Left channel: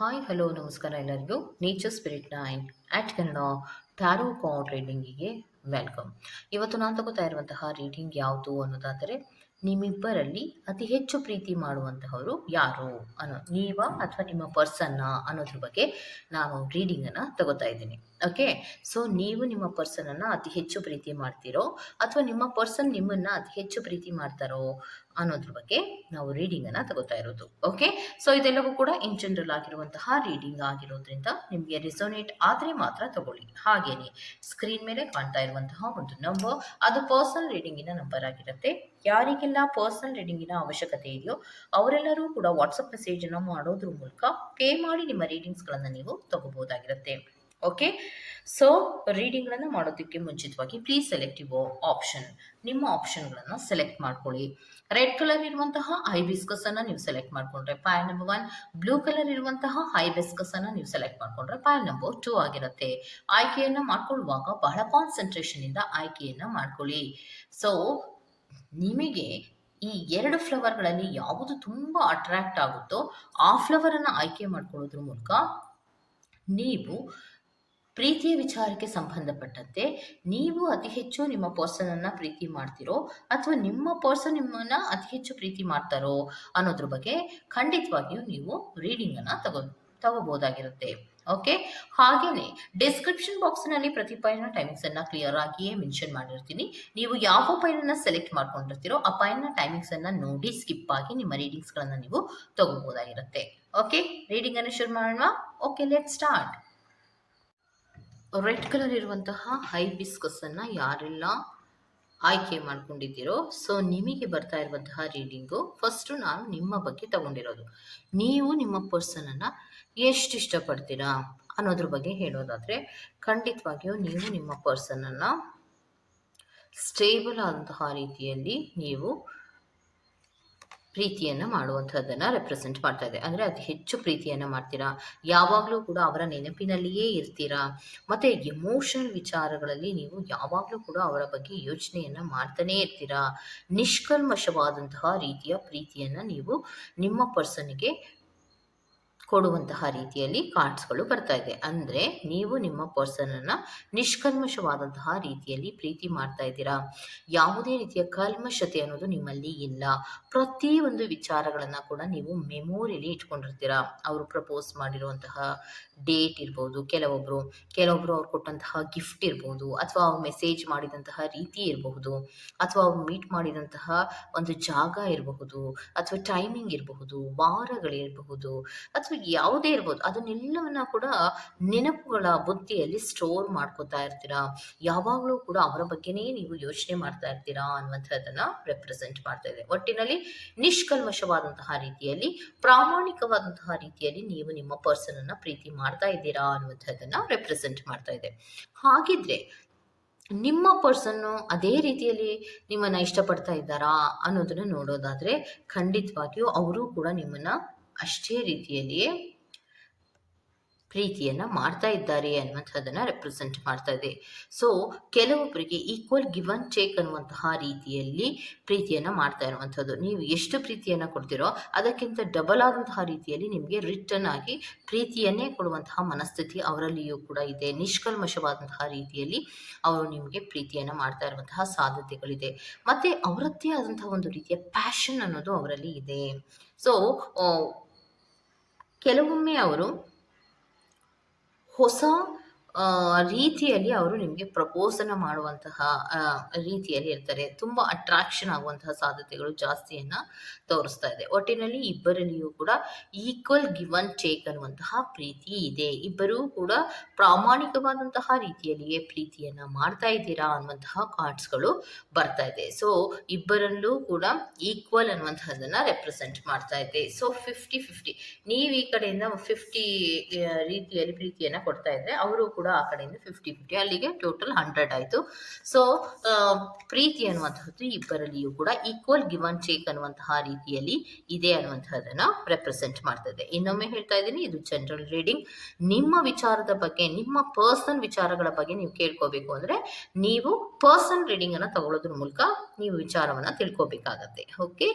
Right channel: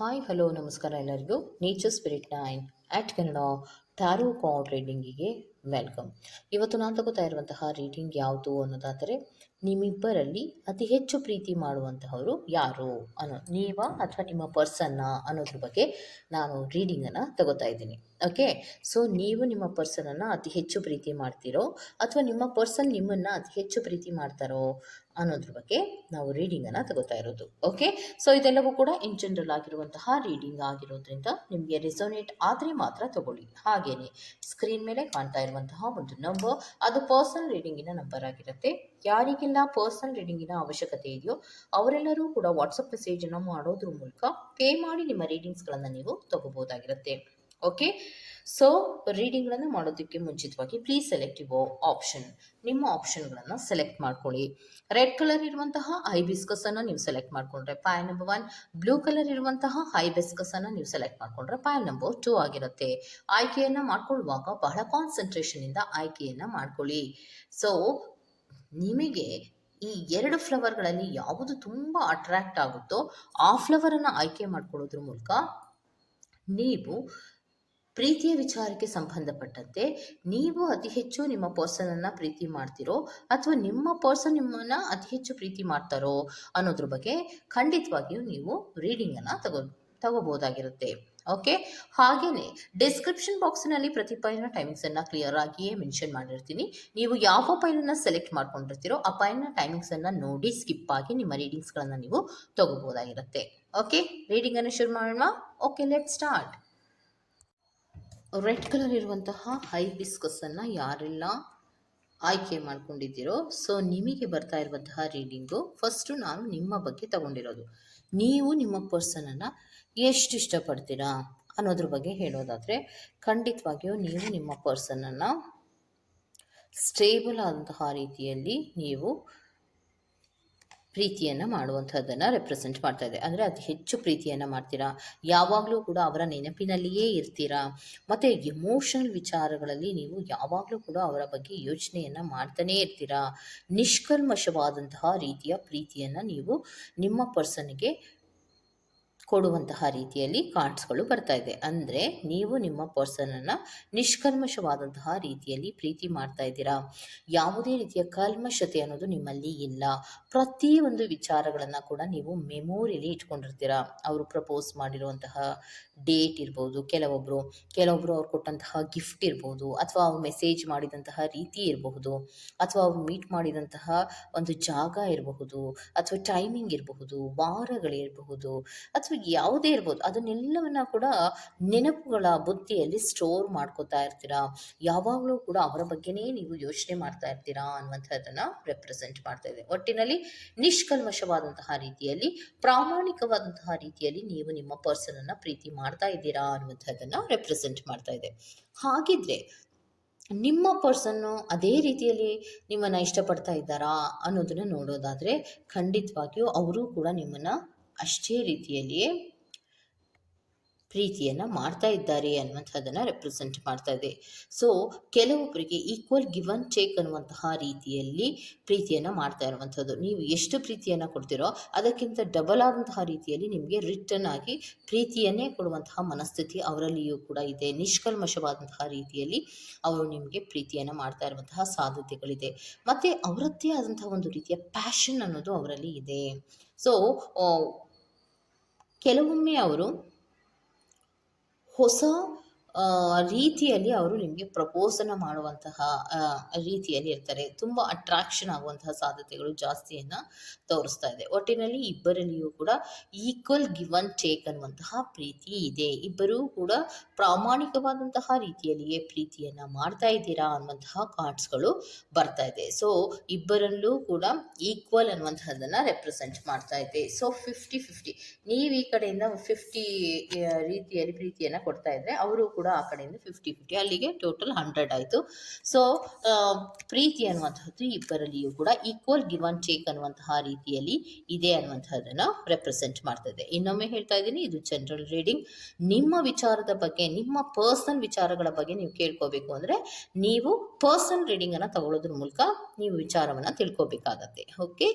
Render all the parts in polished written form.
Hi hello ನಮಸ್ಕಾರ ಎಲ್ಲರಿಗೂ. Nature spirit 9 ಆಟ್ Kannada tarot card ರೀಡಿಂಗಿಗೆ welcome. ಇವತ್ತು ನಾನು ತಗೋತಾ ಇರುವಂತಹ ರೀಡಿಂಗ್ ಯಾವುದು ಅನ್ನೋದಾದರೆ, ನಿಮ್ಮಿಬ್ಬರಲ್ಲಿ ಅತಿ ಹೆಚ್ಚು ಪ್ರೀತಿ ಮಾಡುವಂತಹವರು ಯಾರು ನೀವಾ ಅಥವಾ ನಿಮ್ಮ ಪರ್ಸನ್ನ ಅನ್ನೋದ್ರ ಬಗ್ಗೆ ನಾನು ರೀಡಿಂಗನ್ನು ತಗೋತಾ ಇದ್ದೀನಿ. ಓಕೆ, ಸೊ ನೀವು ನಿಮ್ಮ ಪರ್ಸನನ್ನು ಅತಿ ಹೆಚ್ಚು ಪ್ರೀತಿ ಮಾಡ್ತೀರೋ ಅಥವಾ ನಿಮ್ಮ ಪರ್ಸನ್ ನಿಮ್ಮನ್ನು ಅತಿ ಹೆಚ್ಚು ಪ್ರೀತಿ ಮಾಡ್ತಾರೋ ಅನ್ನೋದ್ರ ಬಗ್ಗೆ ನಾವು ರೀಡಿಂಗನ್ನು ತಗೋತಾ ಇರೋದು. ಓಕೆ, ಸೊ ಇದೆಲ್ಲವೂ ಕೂಡ ಇನ್ ಜನರಲ್ ಆಗಿರುವಂತಹ ರೀಡಿಂಗ್ ಆಗಿರೋದ್ರಿಂದ ನಿಮಗೆ ರೆಸೋನೇಟ್ ಆದರೆ ಮಾತ್ರ ತಗೊಳ್ಳಿ. ಹಾಗೇನೆ ಸ್ಕ್ರೀನ್ ಮೇಲೆ ಕಾಣ್ತಾ ಇರುವಂತಹ ಒಂದು ನಂಬರ್, ಅದು ಪರ್ಸನಲ್ ರೀಡಿಂಗಿನ ನಂಬರ್ ಆಗಿರುತ್ತೆ. ಯಾರಿಗೆಲ್ಲ ಪರ್ಸನಲ್ ರೀಡಿಂಗಿನ ಅವಶ್ಯಕತೆ ಇದೆಯೋ ಅವರೆಲ್ಲರೂ ಕೂಡ ವಾಟ್ಸಪ್ ಮೆಸೇಜನ್ನು ಮಾಡೋದ್ರ ಮೂಲಕ ಪೇ ಮಾಡಿ ನಿಮ್ಮ ರೀಡಿಂಗ್ಸ್ಗಳನ್ನು ನೀವು ತಗೋಬಹುದಾಗಿರುತ್ತೆ. ಓಕೆ, ಸೊ ರೀಡಿಂಗ್ಗಳನ್ನು ಮಾಡೋದಕ್ಕೆ ಮುಂಚಿತವಾಗಿ ಪ್ಲೀಸ್ ಸೆಲೆಕ್ಟ್ ಯುವರ್ ಆಪ್ಷನ್. ನಿಮ್ಮ ಆಪ್ಷನ್ಗಳನ್ನು ಸೆಲೆಕ್ಟ್ ಮಾಡ್ಕೊಳ್ಳಿ. ರೆಡ್ ಕಲರ್ ಇರುವಂತಹ ಹೈಬಿಸ್ಕಸ್ ಅನ್ನು ನೀವು ಸೆಲೆಕ್ಟ್ ಮಾಡ್ಕೊಂಡ್ರೆ ಪಾಯಲ್ ನಂಬರ್ 1, ಬ್ಲೂ ಕಲರ್ ಇರುವಂತಹ ಹೈಬಿಸ್ಕಸ್ ಅನ್ನು ನೀವು ಸೆಲೆಕ್ಟ್ ಮಾಡ್ಕೊಂಡ್ರೆ ಪಾಯಲ್ ನಂಬರ್ 2 ಆಗಿರುತ್ತೆ. ಆಯ್ಕೆಯನ್ನ ಮಾಡ್ಕೊಳ್ಳುವಾಗ ಬಹಳ ಕಾನ್ಸಂಟ್ರೇಷನ್ ಇಂದ ಆಯ್ಕೆಯನ್ನ ಮಾಡ್ಕೊಳ್ಳಿ. ಸೊ ನಿಮಗೆ ಈ 2 ಫ್ಲವರ್ಗಳಲ್ಲಿ ಯಾವುದು ತುಂಬಾ ಅಟ್ರಾಕ್ಟ್ ಆಗುತ್ತೋ ಆ ಫ್ಲವರ್ ಅನ್ನ ಆಯ್ಕೆ ಮಾಡ್ಕೊಳ್ಳೋದ್ರ ಮೂಲಕ ನೀವು ಪ್ರೀತಿಯ ವಿಚಾರಕ್ಕೆ ಸಂಬಂಧಪಟ್ಟಂತೆ ನೀವು ಅತಿ ಹೆಚ್ಚು ನಿಮ್ಮ ಪರ್ಸನ್ ಅನ್ನ ಪ್ರೀತಿ ಮಾಡ್ತಿರೋ ಅಥವಾ ನಿಮ್ಮ ಪರ್ಸನ್ ನಿಮ್ಮನ್ನ ಅತಿ ಹೆಚ್ಚು ಪ್ರೀತಿ ಮಾಡ್ತಾರೋ ಅನ್ನೋದ್ರ ಬಗ್ಗೆ ಖಂಡಿತವಾಗಿಯೂ ನೀವು ರೀಡಿಂಗ್ ಅನ್ನ ತಗೋಬಹುದಾಗಿರುತ್ತೆ. ಓಕೆ, ಹಾಗೇನೆ ಡಿಸ್ಕ್ರಿಪ್ಷನ್ ಬಾಕ್ಸ್ ನಲ್ಲಿ ಪ್ರತಿ ಪೈಲ್ನ ಟೈಮಿಂಗ್ಸ್ ಅನ್ನ ಕ್ಲಿಯರ್ ಆಗಿಯೇ ಮೆನ್ಷನ್ ಮಾಡಿರ್ತೀನಿ. ನೀವು ಯಾವ ಪೈಲ್ ಅನ್ನ ಸೆಲೆಕ್ಟ್ ಮಾಡ್ಕೊಂಡಿರ್ತೀರೋ ಆ ಪೈಲ್ನ ಟೈಮಿಂಗ್ಸ್ ಅನ್ನ ನೋಡಿ ಸ್ಕಿಪ್ ಆಗಿ ನಿಮ್ಮ ರೀಡಿಂಗ್ಸ್ ಗಳನ್ನ ನೀವು ತಗೋಬಹುದಾಗಿರುತ್ತೆ. ಓಕೆ, ರೀಡಿಂಗ್ ಅನ್ನು ಶುರು ಮಾಡೋಣ. Okay, let start. Red colour ಇರುವಂತಹ ಹೈಬಿಸ್ಕಸ್ ಅನ್ನ ಯಾರೆಲ್ಲ ಆಯ್ಕೆ ಮಾಡ್ಕೊಂಡಿದ್ದೀರೋ, ಸೊ ನಿಮಗೆ ಬರ್ತಾ ಇರುವಂತಹ ರೀಡಿಂಗು ಫಸ್ಟು ನಾನು ನಿಮ್ಮ ಬಗ್ಗೆ ತಗೊಂಡಿರೋದು. ನೀವು ನಿಮ್ಮ ಪರ್ಸನ್ ಅನ್ನ ಎಷ್ಟು ಇಷ್ಟಪಡ್ತೀರಾ ಅನ್ನೋದ್ರ ಬಗ್ಗೆ ಹೇಳೋದಾದ್ರೆ, ಖಂಡಿತವಾಗಿಯೂ ನೀವು ನಿಮ್ಮ ಪರ್ಸನ್ ಅನ್ನ ಸ್ಟೇಬಲ್ ಆದಂತಹ ರೀತಿಯಲ್ಲಿ ನೀವು ಪ್ರೀತಿಯನ್ನು ಮಾಡುವಂಥದ್ದನ್ನು ರೆಪ್ರೆಸೆಂಟ್ ಮಾಡ್ತಾ ಇದೆ. ಅಂದರೆ ಅತಿ ಹೆಚ್ಚು ಪ್ರೀತಿಯನ್ನು ಮಾಡ್ತೀರಾ, ಯಾವಾಗಲೂ ಕೂಡ ಅವರ ನೆನಪಿನಲ್ಲಿಯೇ ಇರ್ತೀರಾ, ಮತ್ತು ಎಮೋಷನಲ್ ವಿಚಾರಗಳಲ್ಲಿ ನೀವು ಯಾವಾಗಲೂ ಕೂಡ ಅವರ ಬಗ್ಗೆ ಯೋಚನೆಯನ್ನು ಮಾಡ್ತಾನೇ ಇರ್ತೀರಾ. ನಿಷ್ಕಲ್ಮಶವಾದಂತಹ ರೀತಿಯ ಪ್ರೀತಿಯನ್ನು ನೀವು ನಿಮ್ಮ ಪರ್ಸನ್ಗೆ ಕೊಡುವಂತಹ ರೀತಿಯಲ್ಲಿ ಕಾರ್ಡ್ಸ್ಗಳು ಬರ್ತಾ ಇದೆ. ಅಂದರೆ ನೀವು ನಿಮ್ಮ ಪರ್ಸನನ್ನು ನಿಷ್ಕಲ್ಮಶವಾದಂತಹ ರೀತಿಯಲ್ಲಿ ಪ್ರೀತಿ ಮಾಡ್ತಾ ಇದ್ದೀರಾ. ಯಾವುದೇ ರೀತಿಯ ಕಲ್ಮಶತೆ ಅನ್ನೋದು ನಿಮ್ಮಲ್ಲಿ ಇಲ್ಲ. ಪ್ರತಿಯೊಂದು ವಿಚಾರಗಳನ್ನು ಕೂಡ ನೀವು ಮೆಮೊರಿಯಲ್ಲಿ ಇಟ್ಕೊಂಡಿರ್ತೀರಾ. ಅವರು ಪ್ರಪೋಸ್ ಮಾಡಿರುವಂತಹ ಡೇಟ್ ಇರ್ಬೋದು, ಕೆಲವೊಬ್ಬರು ಅವ್ರು ಕೊಟ್ಟಂತಹ ಗಿಫ್ಟ್ ಇರ್ಬೋದು, ಅಥವಾ ಅವ್ರು ಮೆಸೇಜ್ ಮಾಡಿದಂತಹ ರೀತಿ ಇರಬಹುದು, ಅಥವಾ ಅವ್ರು ಮೀಟ್ ಮಾಡಿದಂತಹ ಒಂದು ಜಾಗ ಇರಬಹುದು, ಅಥವಾ ಟೈಮಿಂಗ್ ಇರಬಹುದು, ವಾರಗಳಿರಬಹುದು, ಅಥವಾ ಯಾವುದೇ ಇರ್ಬೋದು, ಅದನ್ನೆಲ್ಲವನ್ನ ಕೂಡ ನೆನಪುಗಳ ಬುದ್ಧಿಯಲ್ಲಿ ಸ್ಟೋರ್ ಮಾಡ್ಕೋತಾ ಇರ್ತೀರಾ. ಯಾವಾಗಲೂ ಕೂಡ ಅವರ ಬಗ್ಗೆನೇ ನೀವು ಯೋಚನೆ ಮಾಡ್ತಾ ಇರ್ತೀರಾ ಅನ್ನುವಂಥದ್ದನ್ನ ರೆಪ್ರೆಸೆಂಟ್ ಮಾಡ್ತಾ ಇದೆ. ಒಟ್ಟಿನಲ್ಲಿ ನಿಷ್ಕಲ್ಮಶವಾದಂತಹ ರೀತಿಯಲ್ಲಿ, ಪ್ರಾಮಾಣಿಕವಾದಂತಹ ರೀತಿಯಲ್ಲಿ ನೀವು ನಿಮ್ಮ ಪರ್ಸನ್ ಅನ್ನ ಪ್ರೀತಿ ಮಾಡ್ತಾ ಇದ್ದೀರಾ ಅನ್ನುವಂಥದ್ದನ್ನ ರೆಪ್ರೆಸೆಂಟ್ ಮಾಡ್ತಾ ಇದೆ. ಹಾಗಿದ್ರೆ ನಿಮ್ಮ ಪರ್ಸನ್ನು ಅದೇ ರೀತಿಯಲ್ಲಿ ನಿಮ್ಮನ್ನ ಇಷ್ಟಪಡ್ತಾ ಇದ್ದಾರಾ ಅನ್ನೋದನ್ನ ನೋಡೋದಾದ್ರೆ, ಖಂಡಿತವಾಗಿಯೂ ಅವರು ಕೂಡ ನಿಮ್ಮನ್ನ ಅಷ್ಟೇ ರೀತಿಯಲ್ಲಿಯೇ ಪ್ರೀತಿಯನ್ನು ಮಾಡ್ತಾ ಇದ್ದಾರೆ ಅನ್ನುವಂಥದ್ದನ್ನು ರೆಪ್ರೆಸೆಂಟ್ ಮಾಡ್ತಾ ಇದೆ. ಸೊ ಕೆಲವೊಬ್ಬರಿಗೆ ಈಕ್ವಲ್ ಗಿವ್ ಅಂಡ್ ಟೇಕ್ ಅನ್ನುವಂತಹ ರೀತಿಯಲ್ಲಿ ಪ್ರೀತಿಯನ್ನು ಮಾಡ್ತಾ ಇರುವಂಥದ್ದು. ನೀವು ಎಷ್ಟು ಪ್ರೀತಿಯನ್ನು ಕೊಡ್ತೀರೋ ಅದಕ್ಕಿಂತ ಡಬಲ್ ಆದಂತಹ ರೀತಿಯಲ್ಲಿ ನಿಮಗೆ ರಿಟರ್ನ್ ಆಗಿ ಪ್ರೀತಿಯನ್ನೇ ಕೊಡುವಂತಹ ಮನಸ್ಥಿತಿ ಅವರಲ್ಲಿಯೂ ಕೂಡ ಇದೆ. ನಿಷ್ಕಲ್ಮಶವಾದಂತಹ ರೀತಿಯಲ್ಲಿ ಅವರು ನಿಮಗೆ ಪ್ರೀತಿಯನ್ನು ಮಾಡ್ತಾ ಇರುವಂತಹ ಸಾಧ್ಯತೆಗಳಿದೆ. ಮತ್ತು ಅವರದ್ದೇ ಆದಂತಹ ಒಂದು ರೀತಿಯ ಪ್ಯಾಷನ್ ಅನ್ನೋದು ಅವರಲ್ಲಿ ಇದೆ. ಸೊ ಕೆಲವೊಮ್ಮೆ ಅವರು ಹೊಸ ರೀತಿಯಲ್ಲಿ ಅವರು ನಿಮಗೆ ಪ್ರಪೋಸನ್ನು ಮಾಡುವಂತಹ ರೀತಿಯಲ್ಲಿ ಇರ್ತಾರೆ. ತುಂಬ ಅಟ್ರಾಕ್ಷನ್ ಆಗುವಂತಹ ಸಾಧ್ಯತೆಗಳು ಜಾಸ್ತಿಯನ್ನು ತೋರಿಸ್ತಾ ಇದೆ. ಒಟ್ಟಿನಲ್ಲಿ ಇಬ್ಬರಲ್ಲಿಯೂ ಕೂಡ ಈಕ್ವಲ್ ಗಿವ್ ಅಂಡ್ ಟೇಕ್ ಅನ್ನುವಂತಹ ಪ್ರೀತಿ ಇದೆ. ಇಬ್ಬರೂ ಕೂಡ ಪ್ರಾಮಾಣಿಕವಾದಂತಹ ರೀತಿಯಲ್ಲಿಯೇ ಪ್ರೀತಿಯನ್ನು ಮಾಡ್ತಾ ಇದ್ದೀರಾ ಅನ್ನುವಂತಹ ಕಾರ್ಡ್ಸ್ಗಳು ಬರ್ತಾ ಇದೆ. ಸೊ ಇಬ್ಬರಲ್ಲೂ ಕೂಡ ಈಕ್ವಲ್ ಅನ್ನುವಂಥದ್ದನ್ನು ರೆಪ್ರೆಸೆಂಟ್ ಮಾಡ್ತಾ ಇದೆ. ಸೊ 50-50, ನೀವು ಈ ಕಡೆಯಿಂದ 50 ರೀತಿಯಲ್ಲಿ ಪ್ರೀತಿಯನ್ನು ಕೊಡ್ತಾ ಇದ್ರೆ ಅವರು ಕೂಡ ಆ ಕಡೆಯಿಂದ 50-50, ಅಲ್ಲಿಗೆ ಟೋಟಲ್ 100 ಆಯಿತು. ಸೊ ಪ್ರೀತಿ ಅನ್ನುವಂಥದ್ದು ಇಬ್ಬರಲ್ಲಿಯೂ ಕೂಡ ಈಕ್ವಲ್ ಗಿವ್ ಅಂಡ್ ಟೇಕ್ ಅನ್ನುವಂತಹ ರೀತಿಯಲ್ಲಿ ಇದೆ ಅನ್ನುವಂಥದ್ದನ್ನ ರೆಪ್ರೆಸೆಂಟ್ ಮಾಡ್ತದೆ. ಇನ್ನೊಮ್ಮೆ ಹೇಳ್ತಾ ಇದ್ದೀನಿ, ಇದು ಜನರಲ್ ರೀಡಿಂಗ್. ನಿಮ್ಮ ವಿಚಾರದ ಬಗ್ಗೆ, ನಿಮ್ಮ ಪರ್ಸನಲ್ ವಿಚಾರಗಳ ಬಗ್ಗೆ ನೀವು ಕೇಳ್ಕೋಬೇಕು ಅಂದ್ರೆ ನೀವು ಪರ್ಸನಲ್ ರೀಡಿಂಗ್ ಅನ್ನ ತಗೊಳ್ಳೋದ್ರ ಮೂಲಕ ನೀವು ವಿಚಾರವನ್ನ ತಿಳ್ಕೋಬೇಕಾಗತ್ತೆ. Okay,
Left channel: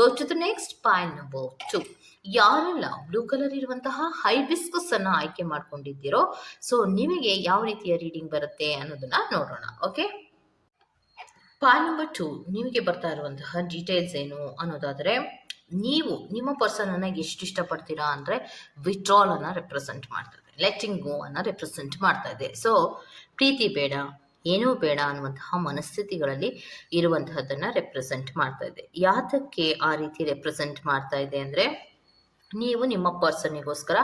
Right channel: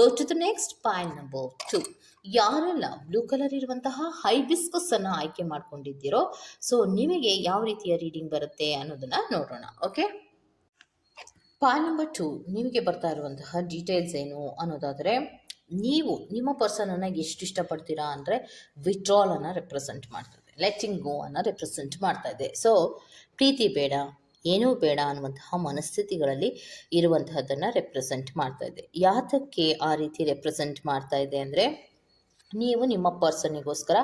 go to the next point number 2. ಯಾರೆಲ್ಲ ಬ್ಲೂ ಕಲರ್ ಇರುವಂತಹ ಹೈಬಿಸ್ಕಸ್ ಅನ್ನ ಆಯ್ಕೆ ಮಾಡ್ಕೊಂಡಿದ್ದೀರೋ, ಸೊ ನಿಮಗೆ ಯಾವ ರೀತಿಯ ರೀಡಿಂಗ್ ಬರುತ್ತೆ ಅನ್ನೋದನ್ನ ನೋಡೋಣ. ಓಕೆ, ಪಾಯಿಂಟ್ ನಂಬರ್ 2 ನಿಮಗೆ ಬರ್ತಾ ಇರುವಂತಹ ಡೀಟೇಲ್ಸ್ ಏನು ಅನ್ನೋದಾದರೆ, ನೀವು ನಿಮ್ಮ ಪರ್ಸನ್ ಅನ್ನ ಎಷ್ಟು ಇಷ್ಟಪಡ್ತೀರಾ ಅಂದರೆ ವಿತ್ಡ್ರಾಲ್ ಅನ್ನ ರೆಪ್ರೆಸೆಂಟ್ ಮಾಡ್ತಾ ಇದೆ, ಲೆಟಿಂಗ್ ಗೋ ಅನ್ನ ರೆಪ್ರೆಸೆಂಟ್ ಮಾಡ್ತಾ ಇದೆ. ಸೊ ಪ್ರೀತಿ ಬೇಡ, ಏನೂ ಬೇಡ ಅನ್ನುವಂತಹ ಮನಸ್ಥಿತಿಗಳಲ್ಲಿ ಇರುವಂತಹದ್ದನ್ನ ರೆಪ್ರೆಸೆಂಟ್ ಮಾಡ್ತಾ ಇದೆ. ಯಾತಕ್ಕೆ ಆ ರೀತಿ ರೆಪ್ರೆಸೆಂಟ್ ಮಾಡ್ತಾ ಇದೆ ಅಂದರೆ, ನೀವು ನಿಮ್ಮ ಪರ್ಸನ್ನಿಗೋಸ್ಕರ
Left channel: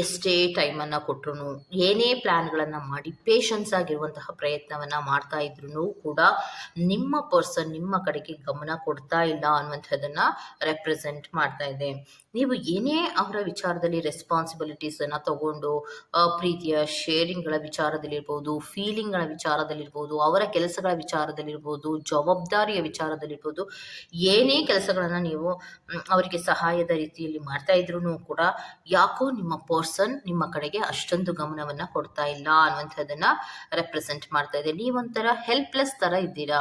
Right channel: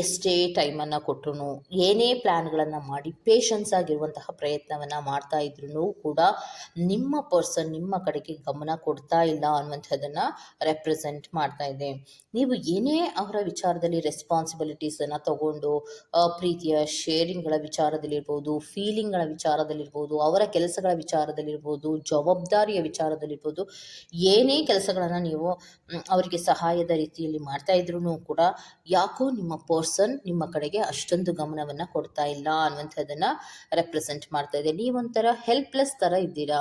ಎಷ್ಟೇ ಟೈಮನ್ನು ಕೊಟ್ಟರು, ಏನೇ ಪ್ಲ್ಯಾನ್ಗಳನ್ನು ಮಾಡಿ ಪೇಷನ್ಸ್ ಆಗಿರುವಂತಹ ಪ್ರಯತ್ನವನ್ನು ಮಾಡ್ತಾ ಇದ್ರೂ ಕೂಡ ನಿಮ್ಮ ಪರ್ಸನ್ ನಿಮ್ಮ ಕಡೆಗೆ ಗಮನ ಕೊಡ್ತಾ ಇಲ್ಲ ಅನ್ನುವಂಥದ್ದನ್ನು ರೆಪ್ರೆಸೆಂಟ್ ಮಾಡ್ತಾ ಇದೆ. ನೀವು ಏನೇ ಅವರ ವಿಚಾರದಲ್ಲಿ ರೆಸ್ಪಾನ್ಸಿಬಿಲಿಟೀಸನ್ನು ತಗೊಂಡು ಪ್ರೀತಿಯ ಶೇರಿಂಗ್ಗಳ ವಿಚಾರದಲ್ಲಿರ್ಬೋದು, ಫೀಲಿಂಗ್ಗಳ ವಿಚಾರದಲ್ಲಿರ್ಬೋದು, ಅವರ ಕೆಲಸಗಳ ವಿಚಾರದಲ್ಲಿರ್ಬೋದು, ಜವಾಬ್ದಾರಿಯ ವಿಚಾರದಲ್ಲಿರ್ಬೋದು, ಏನೇ ಕೆಲಸಗಳನ್ನು ನೀವು ಅವರಿಗೆ ಸಹಾಯದ ರೀತಿಯಲ್ಲಿ ಮಾಡ್ತಾ ಇದ್ರೂ ಕೂಡ ಯಾಕೋ ನಿಮ್ಮ ಪರ್ಸನ್ ನಿಮ್ಮ ಕಡೆಗೆ ಅಷ್ಟೊಂದು ಗಮನವನ್ನು ಕೊಡ್ತಾ ಇಲ್ಲ ಅನ್ನುವಂಥದ್ದನ್ನ ರೆಪ್ರೆಸೆಂಟ್ ಮಾಡ್ತಾ ಇದೆ. ನೀವೊಂಥರ ಹೆಲ್ಪ್ಲೆಸ್ ಥರ ಇದ್ದೀರಾ.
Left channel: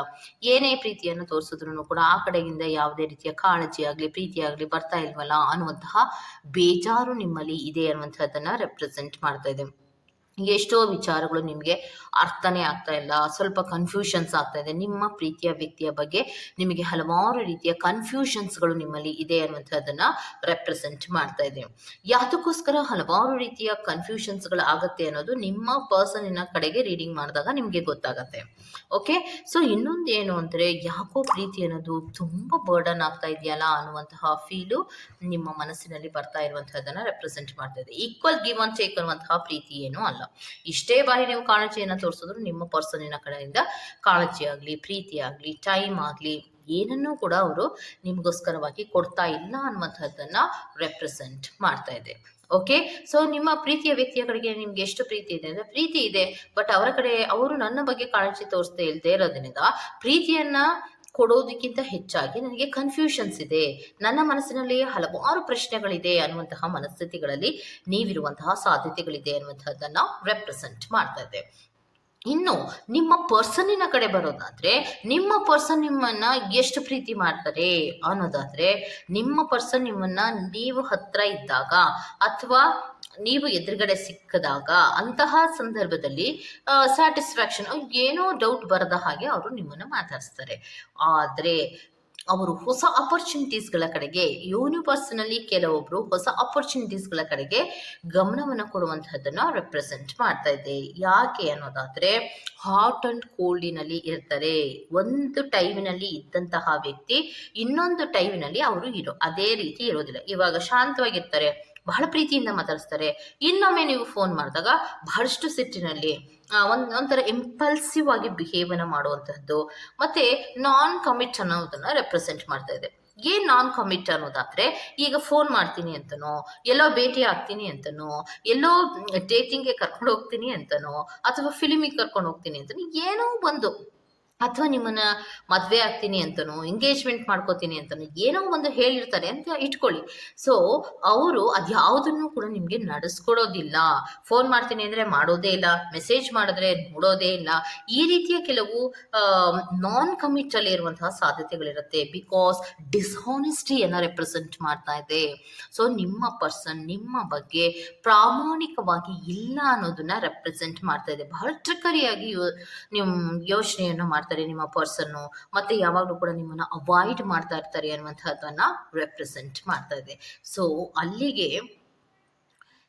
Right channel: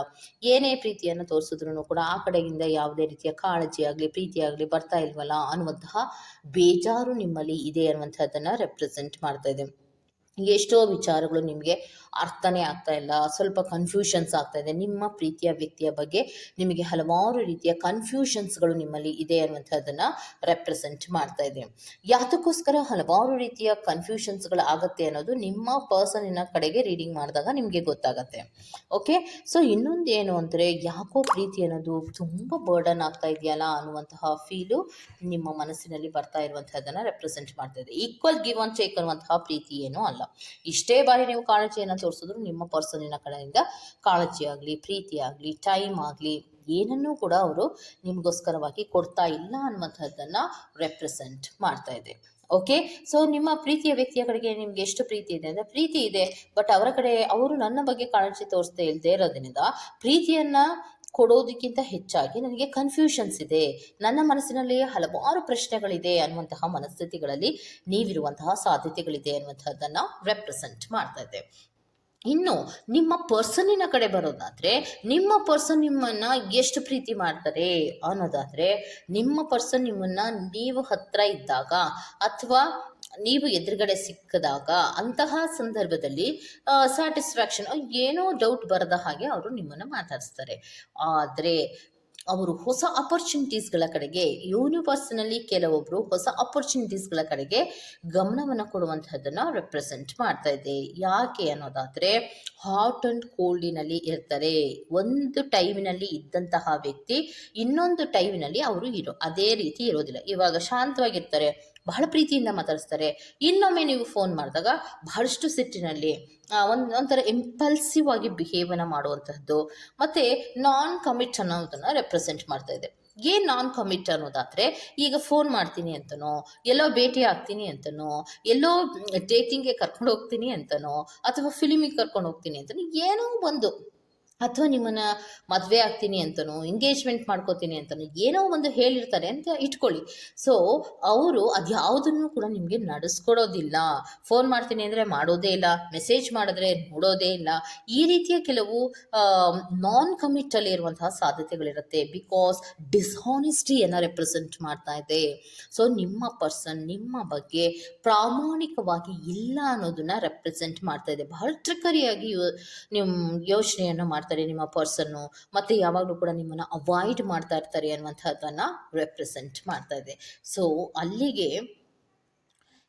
ಏನೇ ಪ್ರೀತಿಯನ್ನು ತೋರಿಸಿದ್ರು ಕೂಡ ಆ ಕಡೆಯಿಂದ ಯಾವುದೇ ರೀತಿಯ ಕಾಳಜಿ ಆಗಲಿ ಪ್ರೀತಿ ಆಗಲಿ ಬರ್ತಾ ಇಲ್ವಲ್ಲ ಅನ್ನುವಂತಹ ಬೇಜಾರು ನಿಮ್ಮಲ್ಲಿ ಇದೆ ಅನ್ನುವಂಥದ್ದನ್ನ ರೆಪ್ರೆಸೆಂಟ್ ಮಾಡ್ತಾ ಇದೆ. ಎಷ್ಟೋ ವಿಚಾರಗಳು ನಿಮಗೆ ಅರ್ಥನೇ ಆಗ್ತಾ ಇಲ್ಲ, ಸ್ವಲ್ಪ ಕನ್ಫ್ಯೂಷನ್ಸ್ ಆಗ್ತಾ ಇದೆ. ನಿಮ್ಮ ಪ್ರೀತಿಯ ವ್ಯಕ್ತಿಯ ಬಗ್ಗೆ ನಿಮಗೆ ಹಲವಾರು ರೀತಿಯ ಕನ್ಫ್ಯೂಷನ್ಸ್ಗಳು ನಿಮ್ಮಲ್ಲಿ ಇದೆ ಅನ್ನುವಂಥದ್ದನ್ನ ರೆಪ್ರೆಸೆಂಟ್ ಮಾಡ್ತಾ ಇದೆ. ಯಾತಕ್ಕೋಸ್ಕರ ಹಲವಾರು ರೀತಿಯ ಕನ್ಫ್ಯೂಷನ್ಸ್ಗಳು ಆಗುತ್ತೆ ಅನ್ನೋದು ನಿಮ್ಮ ಪರ್ಸನಿನ ಕಡೆಗೆ ರೀಡಿಂಗ್ ಮಾಡಿದಾಗ ನಿಮಗೆ ಗೊತ್ತಾಗತ್ತೆ. ಓಕೆ, ಸೊ ಇನ್ನೊಂದು ಏನು ಅಂದರೆ, ಯಾಕೋ ಪ್ರೀತಿ ಅನ್ನೋದು ತುಂಬ ಬರ್ಡನ್ ಆಗ್ತಾ ಇದೆಯಲ್ಲ ಅನ್ನುವಂತಹ ಫೀಲು ನಿಮ್ಮ ಮನಸ್ಸಿನಲ್ಲಿ ಬರ್ತಾ ಇರುವಂತಹದ್ದನ್ನ ರೆಪ್ರೆಸೆಂಟ್ ಮಾಡ್ತಾ ಇದೆ. ಈಕ್ವಲ್ ಗಿವ್ ಅಂಡ್ ಟೇಕ್ ಅನ್ನುವಂತಹ ಪ್ರೀತಿ ಏನೂ ಅಲ್ಲ. ಇಷ್ಟೇ ಬಾರಿ ನೀವು ಕಾಳಜಿಯನ್ನು ತೋರಿಸಿದ್ರು ನಿಮ್ಮ ಪರ್ಸನಿನ ಕಡೆಯಿಂದ ಕಾಳಜಿ ಆಗಲಿ ಪ್ರೀತಿ ಆಗಲಿ ಟೈಮ್ ಆಗಲಿ ಏನನ್ನೂ ಕೂಡ ಅವರು ನಿಮಗೋಸ್ಕರವಾಗಿ ಕೊಡ್ತಾ ಇಲ್ಲ ಅನ್ನುವಂಥದ್ದನ್ನ ರೆಪ್ರೆಸೆಂಟ್ ಮಾಡ್ತಾ ಇದೆ. ಓಕೆ, ಸೊ ನಿಮ್ಮ ಪ್ರೀತಿಯ ವ್ಯಕ್ತಿಯ ಕಡೆಗೆ ನಿಮ್ಗೆ ಎಷ್ಟು ಪ್ರೀತಿ ಇದೆ ಅಂದರೆ, ಪ್ರೀತಿ ಇದೆ, ಬಟ್ ಅವರ ಕಡೆ ಅವರು ನನ್ನ ಬಗ್ಗೆ ಕಾಳಜಿ ತೋರಿಸದೇ ಇಲ್ಲದೆ ಇರೋದ್ರಿಂದ ಪ್ರೀತಿಯನ್ನ ಕೊಡೋದಕ್ಕಿಂತ ಹೆಚ್ಚಾಗಿ ನನಗೆ ಕನ್ಫ್ಯೂಷನ್ಸ್ ಇದೆ, ನನ್ನ ಮನಸ್ಸಿನಲ್ಲಿ ಹಲವಾರು ಪ್ರಶ್ನೆಗಳಿದೆ ಅನ್ನುವಂತಹ ಮನಸ್ಥಿತಿಗಳಲ್ಲಿ ನೀವಿರುವಂತಹ ಸಾಧ್ಯತೆಗಳಿದೆ ಅನ್ನುವಂಥದ್ದನ್ನ ರೆಪ್ರೆಸೆಂಟ್ ಮಾಡ್ತಾ ಇದೆ. ಇನ್ನು ನಿಮ್ಮ ಪರ್ಸನ್ನಿನ ಕಡೆ ಬರೋದಾದ್ರೆ, ನಿಮ್ಮ ಪರ್ಸನ್ ನಿಮ್ಮನ್ನ ಎಷ್ಟು ಪ್ರೀತಿ ಮಾಡ್ತಾರೆ ಅನ್ನೋದಾದ್ರೆ, ನಿಮ್ಮ ಪರ್ಸನ್ ನಿಮ್ಮನ್ನ ನೀವು ಹತ್ರ ಇದ್ದಾಗ ಅಥವಾ ನೀವು ಎದುರುಗಡೆ ಸಿಕ್ಕದಾಗ ಅಂತಹ ಸಂದರ್ಭದಲ್ಲಿ ಸ್ಯಾಟಿಸ್ಫ್ಯಾಕ್ಷನ್ ಏನೋ ಡೌಟ್ ಬರದ ಹಾಗೆ ಅವರು ನಿಮ್ಮನ್ನು ಮಾತಾಡಿಸ್ತಾರೆ. ಆದರೆ ಅವರು ಹೊಸ ಅಪರ್ಚುನಿಟೀಸ್ಗಳ ಕಡೆಗೆ, ಯೂನಿವರ್ಸ್ನಲ್ಲಿ ಕೆಲವೊಬ್ರು ಹೊಸ ಅಪರ್ಚುನಿಟೀಸ್ಗಳ ಕಡೆಗೆ ಗಮನವನ್ನು ಕೊಡುವಂತಹದ್ದನ್ನು ರೆಪ್ರೆಸೆಂಟ್ ಮಾಡ್ತಾ ಇದೆ. ಯಾಕೆ ಅನ್ನೋದಾದ್ರೆ, ಹಾಟ್ ಅಂಡ್ ಕೋಲ್ಡಿನಲ್ಲಿ ಇರ್ತಾರೆ. ಒಂದು ಟೈಮಿನಲ್ಲಿ ಇದ್ದಂತಹ ವ್ಯಕ್ತಿ ಇನ್ನೊಂದು ಟೈಮಿನಲ್ಲಿ ಅವರು ಅದೇ ರೀತಿ ಇರೋದಿಲ್ಲ. ಇವಾಗ ಶಾಂತವಾಗಿರ್ತಾರೆ, ಬಹಳ ಪ್ರೀತಿಯಿಂದ ಮಾತಾಡಿಸ್ತಾರೆ. ಇನ್ನೊಮ್ಮೆ ನೀವು ಫೋನ್ ಮಾಡಿದಾಗ ಬಹಳಷ್ಟು ಸಿಟ್ಟಿನಲ್ಲಿ ಒಂಥರ ಇಂಪಲ್ಸಿವ್ ಆಗಿ ಬಿಹೇವನ್ನ ಮಾಡುವಂತಹದ್ದು, ಮತ್ತೆ ನಾನ್ ಕಮಿಟ್ ಅನ್ನೋದನ್ನ ರೆಪ್ರೆಸೆಂಟ್ ಮಾಡ್ತಾ ಇದೆ. ಏನ್ ನಾನ್ ಕಮಿಟ್ ಅನ್ನೋದಾದ್ರೆ, ಈಗ ಫೋನ್ ಮಾಡ್ತೀನಿ ಅಂತನೋ, ಎಲ್ಲೋ ಭೇಟಿ ಆಗ್ತೀನಿ ಅಂತನೋ, ಎಲ್ಲೋ ಡೇಟಿಂಗ್ಗೆ ಕರ್ಕೊಂಡು ಹೋಗ್ತೀನಿ ಅಂತನೋ, ಅಥವಾ ಫಿಲ್ಮಿಗೆ ಕರ್ಕೊಂಡು ಹೋಗ್ತೀನಿ ಅಂತನೋ, ಏನೋ ಒಂದು, ಅಥವಾ ನಿಮ್ಮನ್ನ ಮದುವೆ ಆಗ್ತೀನಿ ಅಂತನೋ, ಎಂಗೇಜ್ಮೆಂಟ್ ಮಾಡ್ಕೋತೀನಿ ಅಂತನೋ ಏನೋ ಒಂದು ಹೇಳಿರ್ತಾರೆ ಅಂತ ಇಟ್ಕೊಳ್ಳಿ. ಸೊ ಅವರು ಅದ್ಯಾವುದನ್ನು ಕೂಡ ನಿಮಗೆ ನಡೆಸ್ಕೊಡೋದಿಲ್ಲ. ಫೋನ್ ಮಾಡ್ತೀನಿ ಅಂದರೆ ಮಾಡೋದೇ ಇಲ್ಲ, ಮೆಸೇಜ್ ಮಾಡಿದ್ರೆ ನೋಡೋದೇ ಇಲ್ಲ. ಈ ರೀತಿಯ ಕೆಲವು ನಾನ್ ಕಮಿಟ್ ಅಲ್ಲಿ ಇರುವಂತಹ ಸಾಧ್ಯತೆಗಳಿರುತ್ತೆ. ಬಿಕಾಸ್ ಡಿಸ್ಹಾನೆಸ್ಟಿಯನ್ನು ರೆಪ್ರೆಸೆಂಟ್ ಮಾಡ್ತಾ ಇದೆ. ಸೊ ನಿಮ್ಮ ಪರ್ಸನ್ ನಿಮ್ಮ ಬಗ್ಗೆ ಪ್ರಾಮಾಣಿಕವಾಗಿ ಇಲ್ಲ ಅನ್ನೋದನ್ನ ರೆಪ್ರೆಸೆಂಟ್ ಮಾಡ್ತಾ ಇದೆ. ಬಹಳ ಟ್ರಿಕರಿಯಾಗಿ ನಿಮ್ಮ ಯೋಚನೆಯನ್ನು ಮಾಡ್ತಾರೆ ನಿಮ್ಮ ಪರ್ಸನ್ನು, ಮತ್ತೆ ಯಾವಾಗಲೂ ಕೂಡ ನಿಮ್ಮನ್ನ ಅವಾಯ್ಡ್ ಮಾಡ್ತಾ ಇರ್ತಾರೆ ಅನ್ನುವಂಥದ್ದನ್ನ ರೆಪ್ರೆಸೆಂಟ್ ಮಾಡ್ತಾ ಇದೆ. ಸೊ ಅಲ್ಲಿಗೆ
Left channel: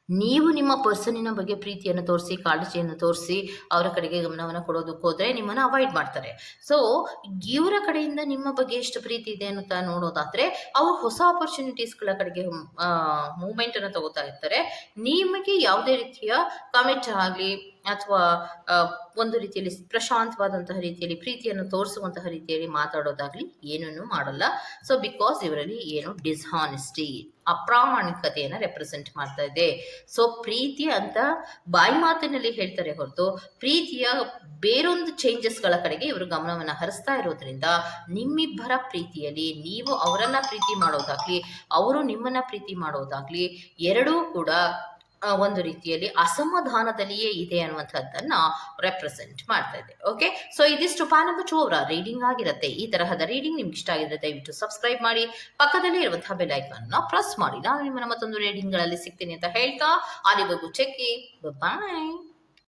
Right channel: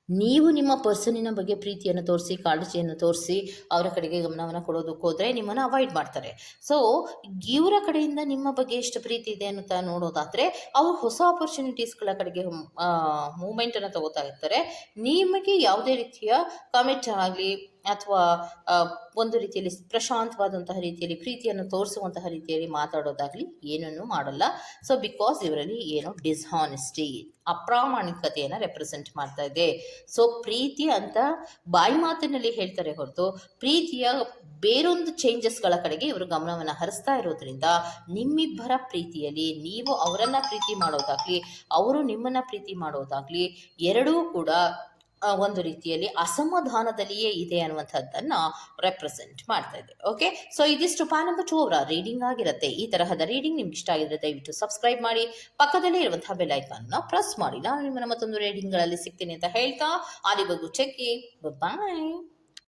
ನೀವು ನಿಮ್ಮ ಪರ್ಸನಿನ ಬಗ್ಗೆ ಪ್ರೀತಿಯನ್ನು ತೋರಿಸಿ ಕಾಳಜಿಯನ್ನು ತೋರಿಸಿ ಅವರ ಕಡೆಗೆ ಗಮನವನ್ನು ಕೊಡೋದಕ್ಕೆ ಹೋದರೆ ನಿಮ್ಮನ್ನು ಅವಾಯ್ಡ್ ಮಾಡ್ತಾರೆ. ಸೊ ಇವರ ಕಡೆಯಿಂದ ನಿಮ್ಮ ಬಗ್ಗೆ ಎಷ್ಟು ಪ್ರೀತಿ ಇದೆ ಅನ್ನುತ್ತಾ ನೋಡೋದಾದರೆ, ಅವರು ಹೊಸ ಆಪರ್ಚುನಿಟೀಸ್ಗಳ ಕಡೆಗೆ ಮೂಮೆಂಟನ್ನು ತಗೋತಾ ಇರ್ತಾರೆ. ನಿಮಗೆ ಯಾವುದೇ ರೀತಿಯ ಕಮೆಂಟ್ ಆಗಲಿ ಅಥವಾ ಒಂದು ರೀತಿಯಲ್ಲಿ ಪ್ರಶಾಂತವಾದಂತಹ ರೀತಿಯಲ್ಲಿ ಪ್ರೀತಿಯನ್ನು ತೋರಿಸುವಂತಹ ರೀತಿಯಲ್ಲಿ ಮಾತಾಡೋದಾಗ್ಲಿ ಏನನ್ನೂ ಮಾಡಲ್ಲ. ಸೊ ಬಿಕಾಸ್ ಇವರಲ್ಲಿ ಏನೋ ಡಿಸ್ಹಾನೆಸ್ಟಿ, ಅಪ್ರಾಮಾಣಿಕತೆಯನ್ನು ರೆಪ್ರೆಸೆಂಟ್ ಮಾಡ್ತಾ ಇದೆ. ಸೊ ಪ್ರೀತಿ ಅಂತ ಬಾಯಿ ಮಾತಿನಲ್ಲಿ ಹೇಳ್ತಾರೆ ಹೊರತು ಪ್ರೀತಿಯ ಬೇರೊಂದು ಚೇಂಜಸ್ಗಳ ಕಡೆಗೆ ಇವರು ಗಮನವನ್ನು ಹರಿಸ್ತಾ ಇರೋದ್ರಿಂದ ನಿಮ್ಮಿಬ್ಬರ ಪ್ರೀತಿಯಲ್ಲಿ ನೀವು ಅವರನ್ನ ಪ್ರೀತಿ ಮಾಡೋದಾಗ್ಲಿ ಅವರು ನಿಮ್ಮನ್ನ ಪ್ರೀತಿ ಮಾಡೋದಾಗ್ಲಿ ಎರಡೂ ಕೂಡ ಒಂದು ರೀತಿಯಲ್ಲಿ ಅಸಮಾಧಾನದಲ್ಲಿಯೇ ಇದೆ ಅನ್ನುವಂಥದ್ದನ್ನ ರೆಪ್ರೆಸೆಂಟ್ ಮಾಡ್ತಾ ಇದೆ. ಓಕೆ, ಸೊ ಇದಿಷ್ಟು ಪಾ ನಂಬರ್ 2 ಅವರ ರೀಡಿಂಗ್ ಆಗಿರುತ್ತೆ. ಈ ತರಹದ ರೀಡಿಂಗ್ ನಿಮ್ಗೆ ಇಷ್ಟ ಆಗಿದ್ರೆ ದಯವಿಟ್ಟು ಸಬ್ಸ್ಕ್ರೈಬ್ ಮಾಡಿ, ಪಕ್ಕದಲ್ಲೇ ಇರುವಂತಹ ಬೆಲ್ ಐಕಾನ್ ಪ್ರೆಸ್ ಮಾಡಿ. ನಾನು ನಿಮ್ಮನ್ನ ಮತ್ತೊಂದು ರೀಡಿಂಗ್ ಗಳಲ್ಲಿ ಸಿಗ್ತೀನಿ ಅಂತ ಹೇಳ್ತಾ ಅಲ್ಲಿವರೆಗೂ ಚೆಕ್ ಬಾಯ್.